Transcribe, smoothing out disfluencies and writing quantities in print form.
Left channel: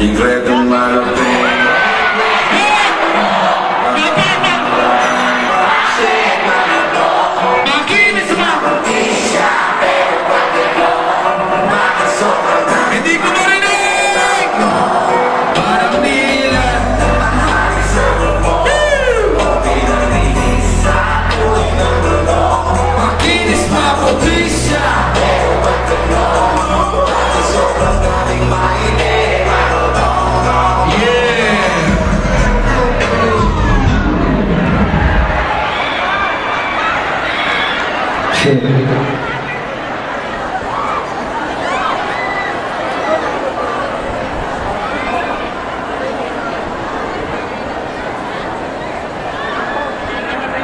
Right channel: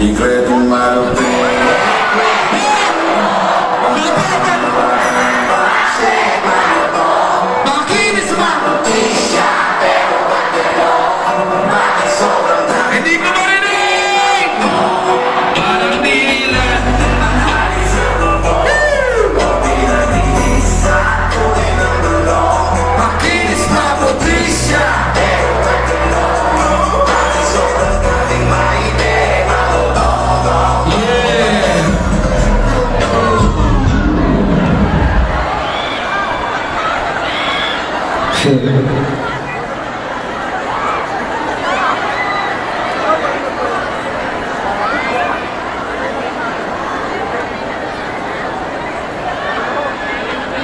Incredo malapit. Makinis ba? Pero pagkano, bakit sobrang hindi ko marinig? Parang nila makinis ba puti siya? Pero pagkano, bakit sobrang daming mainit? Yeah.